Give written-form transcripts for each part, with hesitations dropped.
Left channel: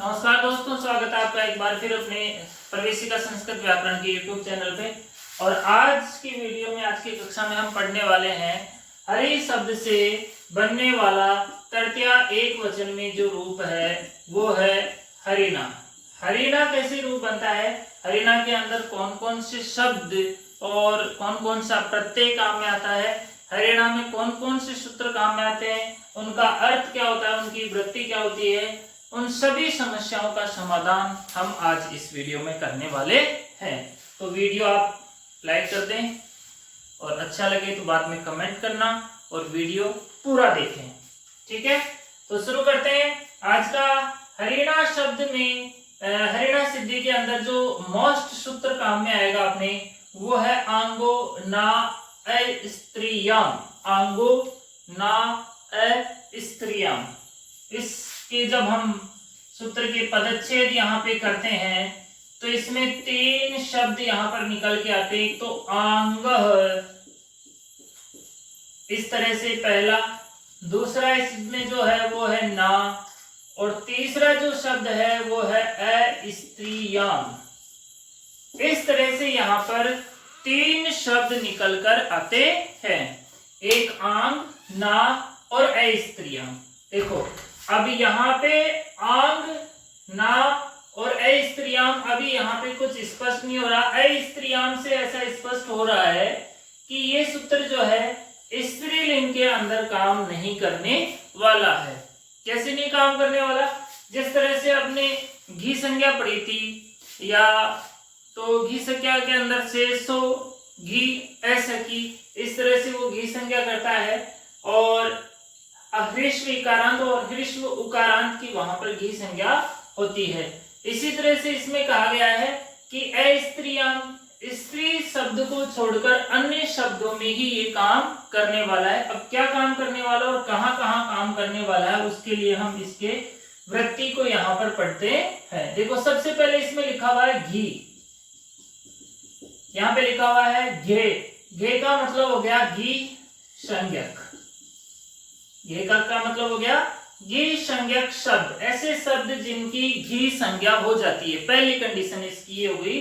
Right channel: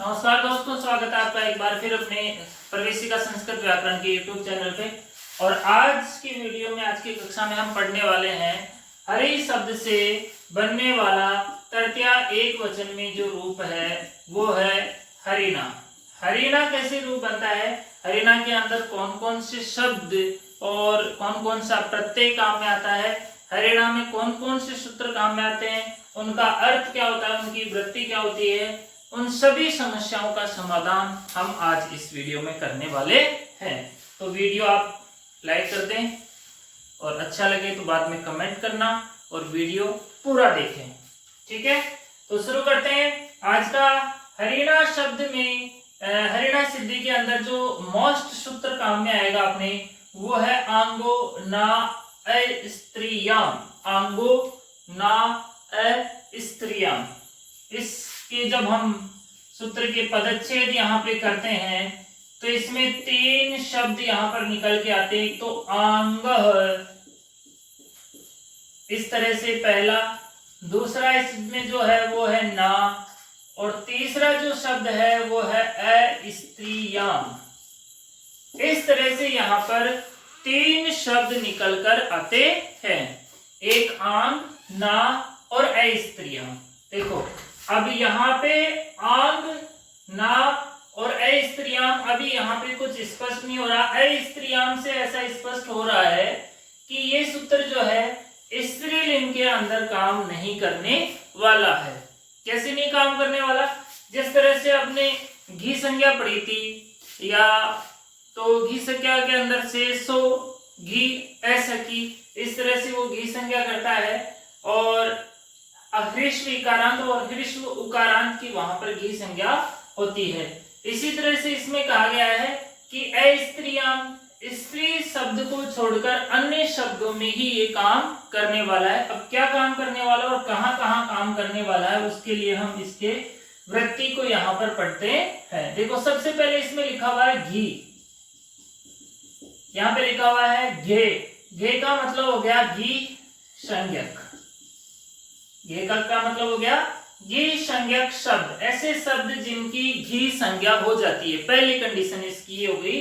नमस्कार दोस्तों, स्वागत है आपका एक बार फिर अपने प्रवेशिका संस्कृत व्याकरण के YouTube चैनल पे। और आज की वीडियो में, आज की कक्षा में हम पढ़ने वाले हैं हरि शब्द से बनने वाला तृतीया एक वचन में जो रूप है वो है हरिणा। हरिणा कैसे रूप बनता है, हरिणा के अंदर कौन कौन से शब्द और कौन कौन सा प्रत्यय काम में आता है, हरिणा में कौन कौन से सूत्र काम में आते हैं, उनका अर्थ क्या होता है, उनकी वृत्ति क्या होती है, उन सभी समस्याओं का समाधान हम आज इस वीडियो में करने वाले हैं। तो वीडियो आप लाइक कर दें और अच्छा लगे तो बाद में कमेंट करना और वीडियो पूरा देखें। ठीक है, तो शुरू करते हैं। आज का हरिणा शब्द में हरिणा सिद्धि के अंदर जो मोस्ट सूत्र काम में आएगा अपने, वो है आंगो ना अस्त्रियाम। आंगो ना अस्त्रियाम, इसकी जब हम सूत्र के पदच्छेद यहाँ पे करते हैं तो इसमें तीन शब्द यहाँ पर निकल के आते हैं। तो आंग इस तरह से पहला, दूसरा इसमें जो है वो है ना, और तीसरा जो शब्द है वो है अस्त्रियाम। इस तरह से यहाँ पर तीन शब्द निकलकर आते हैं, एक आंग, ना और अस्त्रियाम। देखो अब यहाँ पे आंग, ना और अस्त्रियाम, अभी यहाँ पे कुछ स्पष्ट नहीं हो रहा। अस्त्रियाम से ऐसा स्पष्ट हो रहा है कि ये सूत्र जो है स्त्रीलिंग के अंदर काम नहीं करने वाला है। कैसे नहीं काम करने वाला? जिस तरह से आपने घी संज्ञा पढ़ी थी, या तो घी संज्ञा के अंदर से सो घी ऐसा की, इस तरह से वो घी संज्ञा करता है, और ह्रीश्व इकारांत और ह्रीश्व उकारांत की वहां पर घी संज्ञा होती है। इसी तरह से इसमें कहा गया है कि अस्त्रियाम, स्त्री शब्द को छोड़कर अन्य शब्दों में ही ये काम करने वाला है। अब क्या काम करने वाला और कहां कहां काम करने वाला है, उसके लिए हम इसके वृत्ति को यहाँ पर पढ़ते हैं। देखो सबसे पहले इसमें लिखा हुआ है घी, यहाँ पे लिखा हुआ है घे। घे का मतलब हो गया घी संज्ञक। घे का मतलब हो गया घी संज्ञक शब्द, ऐसे शब्द जिनकी घी संज्ञा हो जाती है। पहली कंडीशन इसकी ये होगी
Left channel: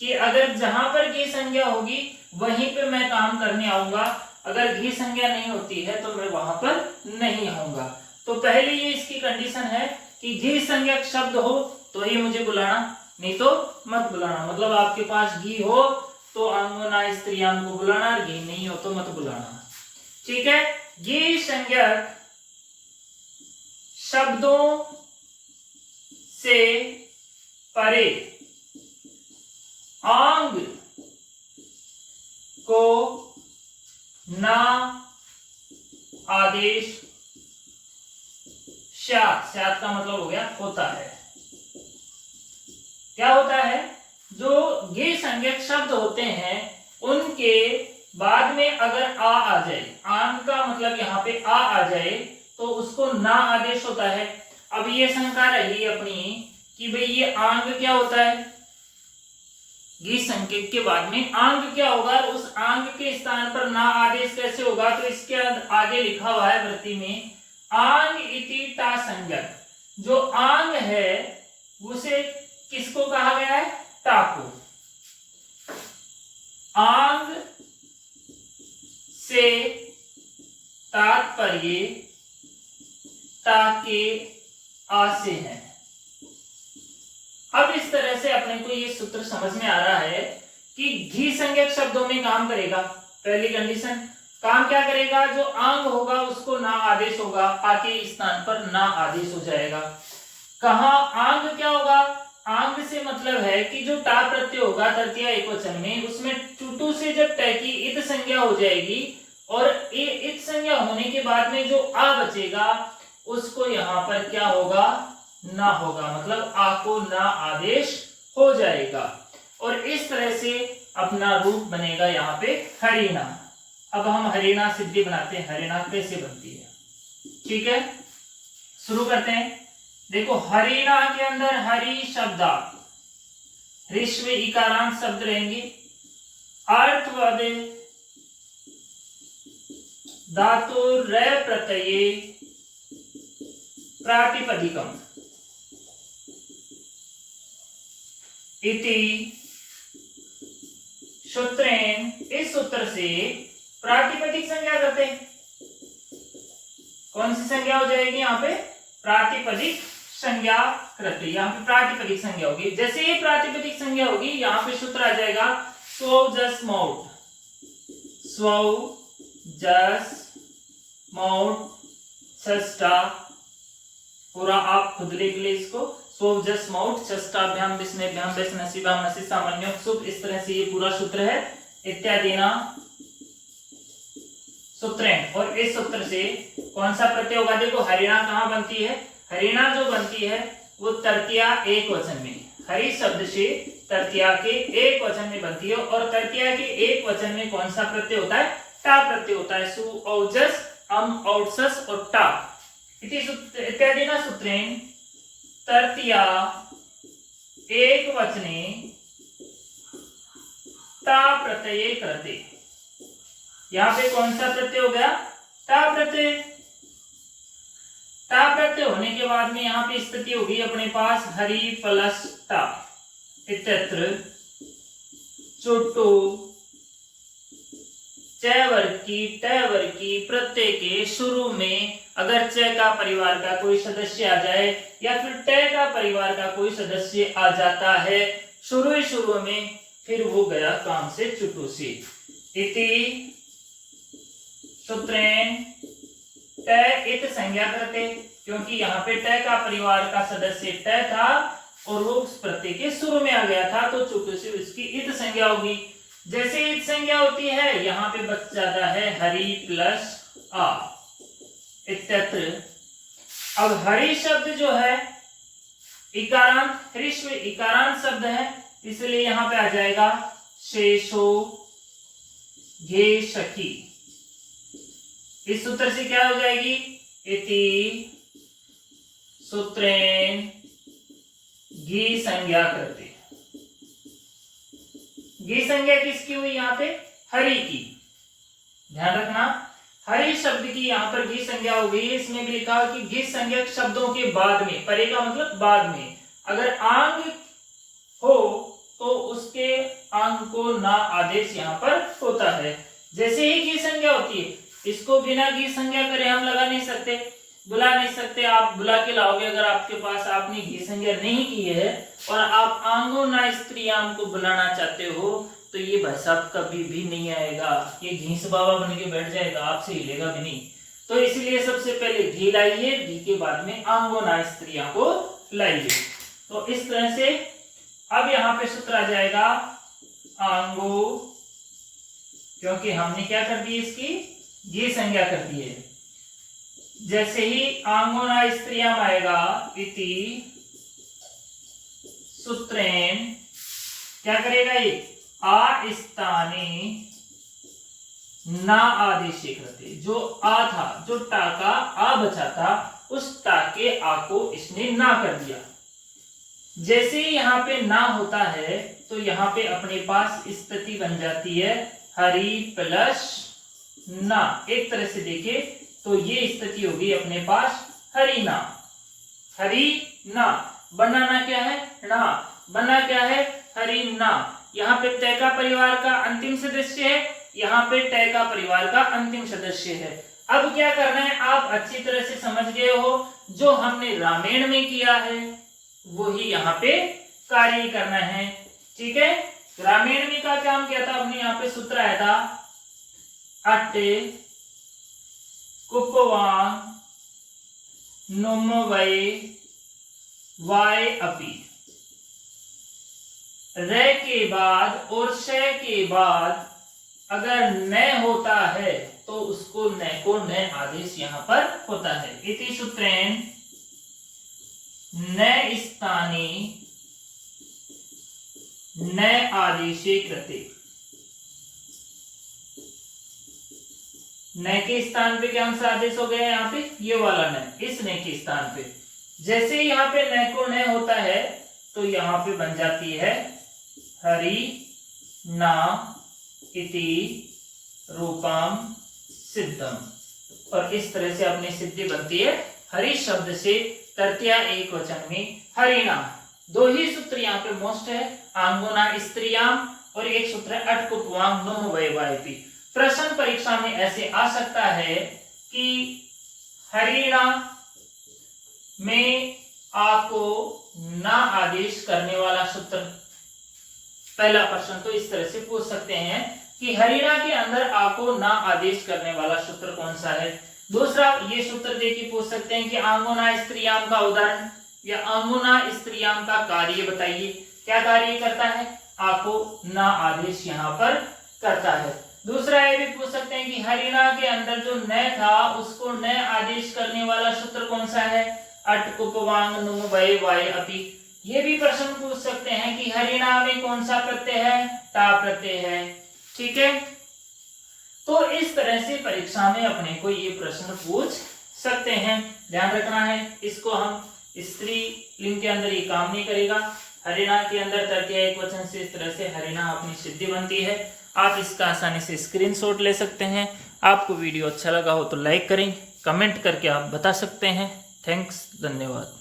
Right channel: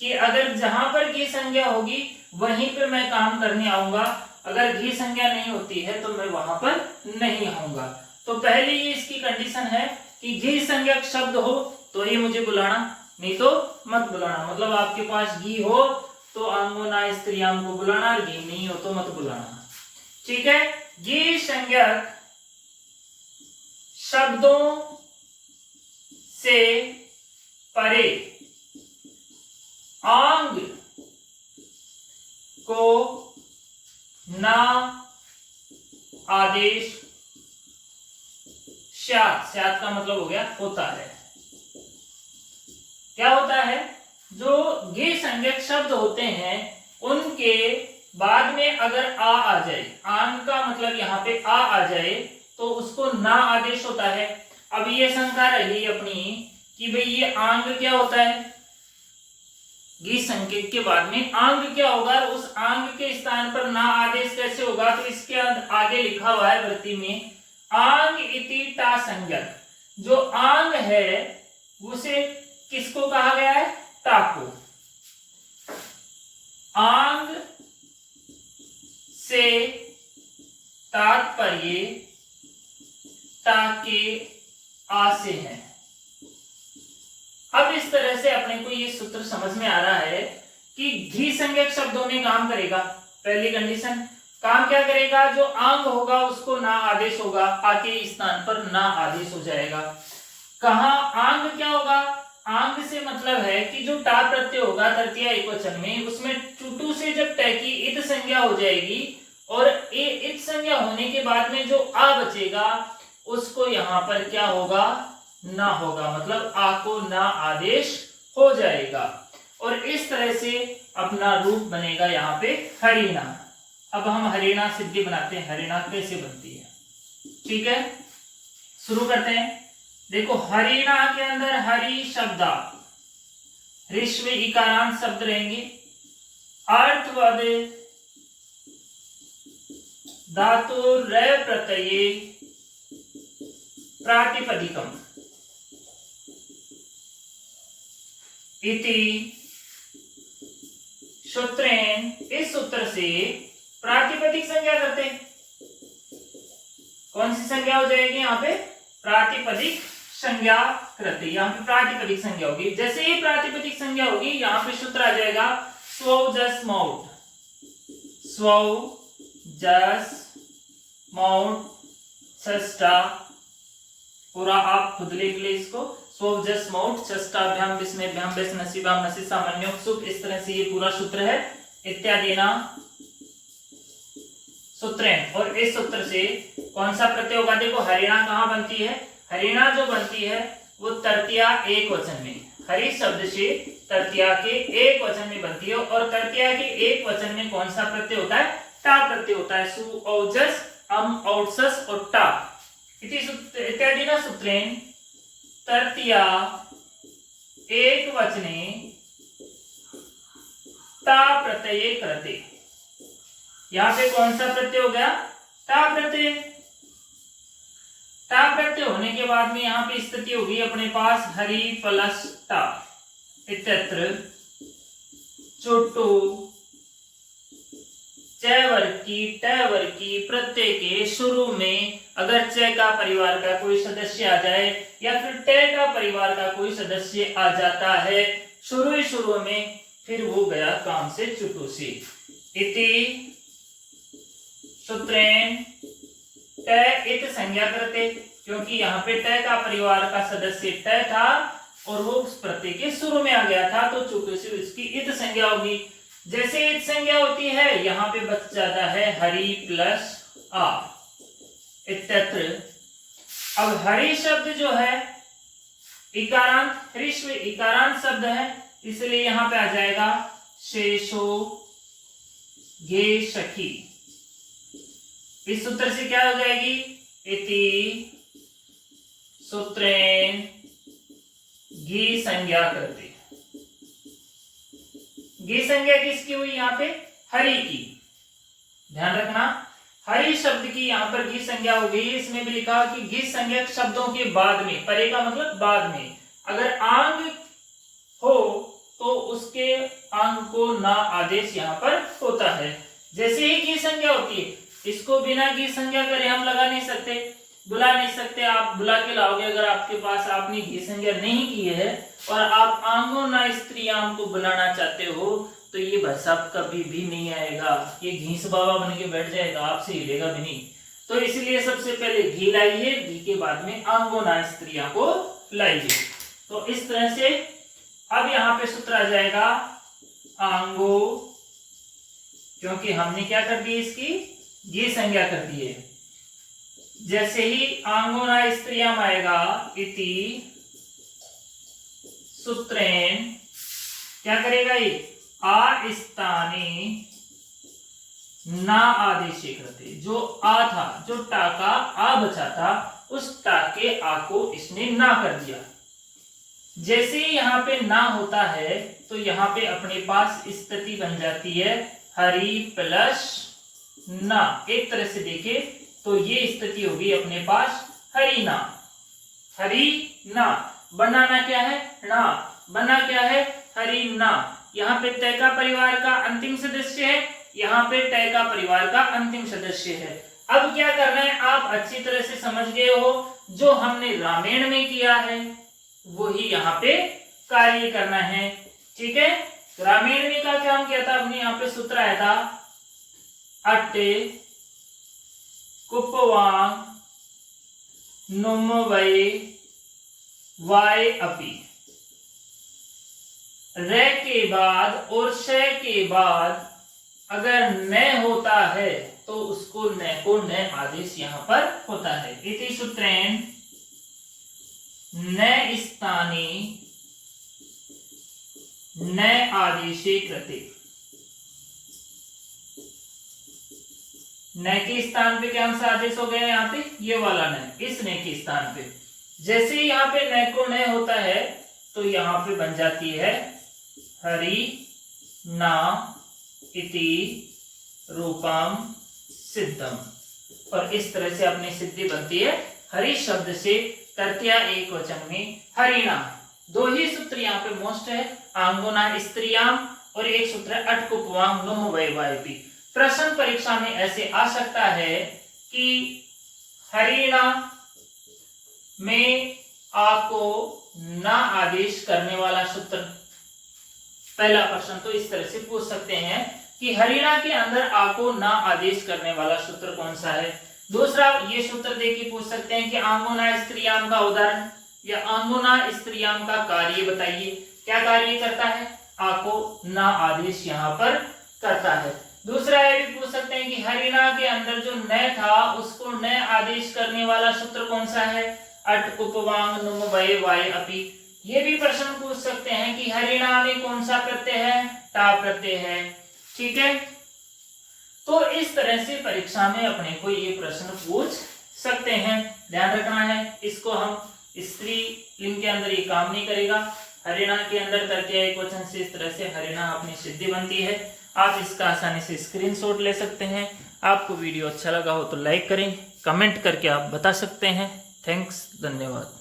कि अगर जहां पर घी संज्ञा होगी वहीं पर मैं काम करने आऊंगा, अगर घी संज्ञा नहीं होती है तो मैं वहां पर नहीं आऊंगा। तो पहली ये इसकी कंडीशन है कि घी संज्ञक शब्द हो तो ही मुझे बुलाना, नहीं तो मत बुलाना। मतलब आपके पास घी हो तो आंगो ना स्त्रियाम को बुलाना, घी नहीं हो तो मत बुलाना। ठीक है, घी संज्ञक शब्दों से परे आंग को ना आदेश स्यात्, स्यात् का मतलब हो गया होता है। क्या होता है? जो घी संज्ञक शब्द होते हैं उनके बाद में अगर आ जाए, आंग का मतलब यहाँ पे आ जाए तो उसको ना आदेश होता है। अब ये शंका रही अपनी कि भाई ये आंग क्या होता है, घी संज्ञक के बाद में आंग क्या होगा, उस आंग के स्थान पर ना आदेश कैसे होगा? तो इसके आगे लिखा हुआ है वृत्ति में आंग इति टा संज्ञक। जो आंग है उसे किसको कहा गया है? टा को। आंग से तात्पर्य टा के आ से है। अब इस तरह से अपने को ये सूत्र समझ में आ रहा है कि घी संज्ञक शब्दों में काम करेगा। पहली कंडीशन, काम क्या करेगा? जो आंग होगा उसको ना आदेश होगा, आके स्थान पर ना आदेश हो जाएगा। कहा आंग क्या होगा? आंग से मतलब है कि जो टा प्रत्यय होगा तृतीया एकवचन में, उसमें टुटू से जब ट की इत संज्ञा हो जाएगी और इत संज्ञा होने के बाद में जो आ बचेगा उसको यहाँ पर क्या होगा? ना होगा, मतलब आ को ना आदेश हो जाएगा। और इस तरह से अपना रूप बनेगा यहाँ पे हरिणा। अब हम हरिणा सिद्धि बनाते हैं, हरिणा कैसे बनती है। ठीक है, शुरू करते हैं। देखो हरिणा के अंदर हरि शब्दा, ह्रीश्व इकारांत शब्द रहेंगे, अर्थवद धातु र प्रत्यये प्रातिपदिकम। इति सूत्रेण, इस सूत्र से प्रातिपदिक संज्ञा करते हैं। कौन सी संज्ञा हो जाएगी यहाँ पे? प्रातिपदिक संज्ञा करते, यहाँ पे प्रातिपदिक संज्ञा होगी। जैसे ही प्रातिपदिक संज्ञा होगी यहाँ पे सूत्र आ जाएगा स्वौ जस मौट, स्वौ जस मौट षष्ठा, पूरा आप खुद लिख ले इसको, स्वौ जस मौट षष्ठाभ्याम विस्मयभ्याम बेस नसीबाम नसी सामान्यों सुख, इस तरह से ये पूरा सूत्र है। इत्यादि ना सूत्रेण, और इस सूत्र से कौन सा प्रत्यय होगा? देखो हरिणा कहाँ बनती है? हरिणा जो बनती है वो तृतीया एक वचन में, हरि शब्द से तृतीया के एक वचन में बनती है, और तृतीया के एक वचन में कौन सा प्रत्यय होता है? टा प्रत्यय होता है। सु औजस अम औसस और टा इत्यादि ना सूत्रेण तृतीया एक वचने टा प्रत्यय करते। यहाँ पे कौन सा प्रत्यय हो गया? टा प्रत्यय। टा प्रत्यय होने के बाद में यहाँ पे स्थिति होगी अपने पास हरि प्लस टा, इत्यत्र चोटो चैवर्की टैवर्की प्रत्यय के शुरू में अगर च का परिवार का कोई सदस्य आ जाए या फिर ट का परिवार का कोई सदस्य आ जाता है शुरू में, फिर वो गया काम से चुटू से। इति सूत्रेण ट इत संज्ञा करते, क्योंकि यहाँ पे ट का परिवार का सदस्य ट था और वो उस प्रत्यय के शुरू में आ गया था, तो चुटू से उसकी इत संज्ञा होगी। जैसे इत संज्ञा होती है यहाँ पे बच जाता है हरि प्लस आ, इत्यत्र। अब हरि शब्द जो है इकारांत, ह्रीश्व इकारांत शब्द है, इसलिए यहाँ पे आ जाएगा शेषो घे सखी। इस सूत्र से क्या हो जाएगी? इति सूत्रेण घी संज्ञा करते। घी संज्ञा किसकी हुई? यहाँ पे हरि की। ध्यान रखना, हरि शब्द की यहाँ पर घी संज्ञा हो गई। इसमें भी लिखा कि घी संज्ञा शब्दों के बाद में, परे का मतलब बाद में, अगर आंग हो तो उसके आंग को ना आदेश यहाँ पर होता है। जैसे ही घी संज्ञा होती है, इसको बिना घी संज्ञा करे हम लगा नहीं सकते, बुला नहीं सकते। आप बुला के लाओगे, अगर आपके पास आपने घी संज्ञा नहीं की है और आप आंगो ना स्त्रियां को बुलाना चाहते हो, तो ये भाई साहब कभी भी नहीं आएगा, ये घीस बाबा बन के बैठ जाएगा, आपसे हिलेगा भी नहीं। तो इसलिए सबसे पहले घी लाइए, घी के बाद में आंगो ना स्त्रियां को लाइए। तो इस तरह से अब यहाँ पे सूत्र आ जाएगा आंगो, क्योंकि हमने क्या कर दी? इसकी घी संज्ञा कर दी है। जैसे ही आंगोना स्त्रियां आएगा, इति सूत्रेण क्या करेगा? ये आ स्थाने ना आदेश करते, जो आ था, जो टा का आ बचा था, उस टा के आ को इसने ना कर दिया। जैसे ही यहाँ पे ना होता है तो यहाँ पे अपने पास स्थिति बन जाती है हरि प्लस ना। एक तरह से देखे तो ये स्थिति होगी अपने पास हरि ना। हरि ना बनाना क्या है? ना बना क्या है? हरि ना। यहाँ पे तय का परिवार का अंतिम सदस्य है, यहाँ पे तय का परिवार का अंतिम सदस्य है। अब क्या करना है? आप अच्छी तरह से समझ गए हो, जो हमने रामायण में किया है वही यहाँ पे कार्य करना है। ठीक है, रामायण में का काम किया था आपने? यहाँ पे सूत्र आया था अट्टे कुपवां नुम वै वाय अपि। रे के बाद और शय के बाद अगर न होता है तो उसको न को न आदेश यहाँ पर होता है। इति सूत्रेण न स्थाने न आदेशे कृते। न के स्थान पे कौन सा आदेश हो गया? यहाँ पे ये वाला न, इस न के स्थान पे जैसे ही यहाँ पे न को न होता है तो यहाँ पे बन जाती है हरि ना इति रूपम सिद्धम। और इस तरह से अपनी सिद्धि बनती है हरि शब्द से तृतीया एक वचन में हरिणा। दो ही सूत्र यहाँ पे मोस्ट है, आंगुना स्त्रियाम, और एक सूत्र है अटकुपवांग नुम वैवायपी। प्रश्न परीक्षा में ऐसे आ सकता है कि हरिणा में आ को ना आदेश करने वाला सूत्र, पहला प्रश्न तो इस तरह से पूछ सकते हैं कि हरिणा के अंदर आ को ना आदेश करने वाला सूत्र कौन सा है। दूसरा ये सूत्र देखिए पूछ सकते हैं कि आंगुना स्त्रियाम का उदाहरण या आंगुना स्त्रियाम का कार्य बताइए, क्या कार्य करता है, आ को ना आदेश यहाँ पर करता है। दूसरा ये भी पूछ सकते हैं कि हरिणा के अंदर जो न था उसको न आदेश करने वाला सूत्र कौन सा है, अट उपवांग नुम वय वाय अपि। ये भी प्रश्न पूछ सकते हैं कि हरिणा में कौन सा प्रत्यय है, टा प्रत्यय है। ठीक है, तो इस तरह से परीक्षा में अपने को ये प्रश्न पूछ सकते हैं, ध्यान रखना है। इसको हम स्त्री लिंग के अंदर ये काम नहीं करेगा, हरिणा के अंदर करके एक वचन से इस तरह से हरिणा अपनी सिद्धि बनती है। आप इसका आसानी से स्क्रीनशॉट ले सकते हैं। आपको वीडियो अच्छा लगा हो तो लाइक करें, कमेंट करके आप बता सकते हैं। थैंक्स, धन्यवाद।